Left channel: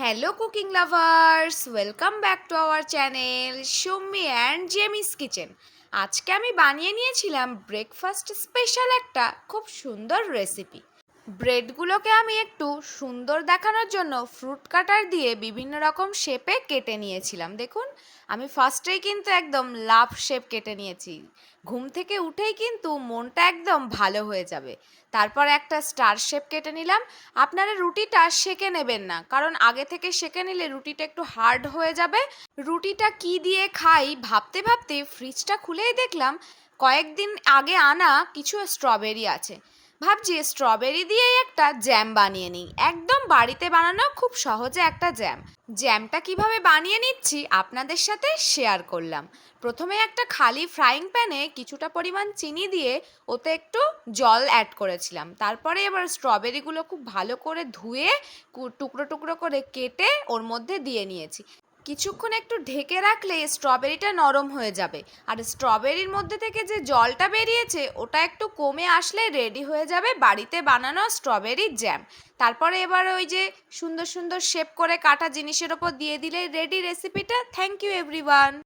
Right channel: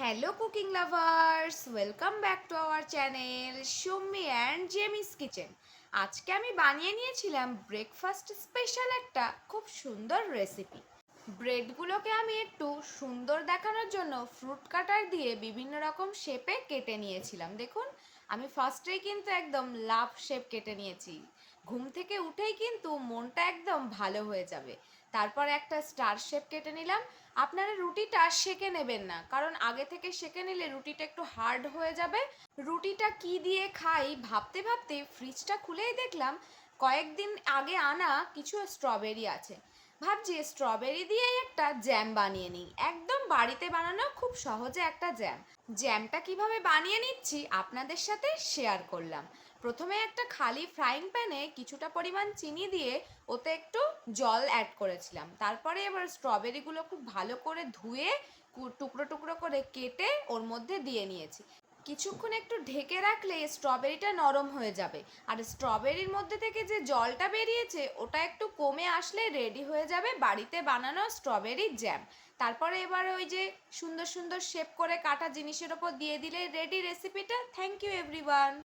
Hello cooking lovers, welcome back to our channel Sumi and Jemi's kitchen. আজকে আমি বানিয়ে নিয়েছিলাম ব্রেকফাস্ট স্পেশাল একটা খুব সুন্দর রেসিপি। ব্রেডগুলোকে আমি একটু সুন্দর দেখানোর জন্য ফ্রুট কাটার দিয়ে বিভিন্ন রকম শেপে কেটে নিয়েছিলাম। দেখুন, আমি ফার্স্টেই কিন্তু একদম লাভ শেপ কেটে নিয়েছি। ঘুম থেকে উঠেই কিন্তু মনটা একদম ভালো হয়ে যাবে। তারপর একটা স্টার শেপ কেটে নিলাম। আপনারা রুটিটা সেঁকে নেবেন না, কারণ আগে থেকে সেঁকে নিলে রুটিটা একটু হার্ড হয়ে যাবে। রুটিটা কি দিয়ে খাই ভাবতে ভাবতে ফ্রিজটা খুলেই দেখলাম কয়েকদিন আগে আনা কিছু স্ট্রবেরি আছে। ভাবছি স্ট্রবেরি দিয়েই একটা জ্যাম বানিয়ে নিই, একদম বাড়িতে বানানো খুব সহজে একটা জ্যাম। জ্যামটা কিভাবে বানিয়ে নিচ্ছি আপনাদের সাথে শেয়ার করলাম। প্রথমে একটা খালি ফ্রাইং প্যানে কিছুটা পরিমাণ চিনি দিয়ে ওতে একটু জল অ্যাড করেছিলাম। তারপরে এবার স্ট্রবেরিগুলো খুব ভালো করে ধুয়ে টুকরো টুকরো করে কেটে ওর মধ্যে দিয়ে নিয়েছি। কিছুক্ষণ একটু ঢেকে রাখলে স্ট্রবেরিটা নরম হয়ে যাবে। আর স্ট্রবেরির মধ্যে থেকে যে জলটা বেরিয়েছে ওটা একটু কমে আসলে রেডি হয়ে যাবে বাড়িতে বানানো স্ট্রবেরির জ্যাম। তারপরে এবার ওই যে সুন্দর সুন্দর শেপ করে কাটা জিনিসের ওপর দিয়ে দিলে রেডি রেসিপিটা। Thank you everyone.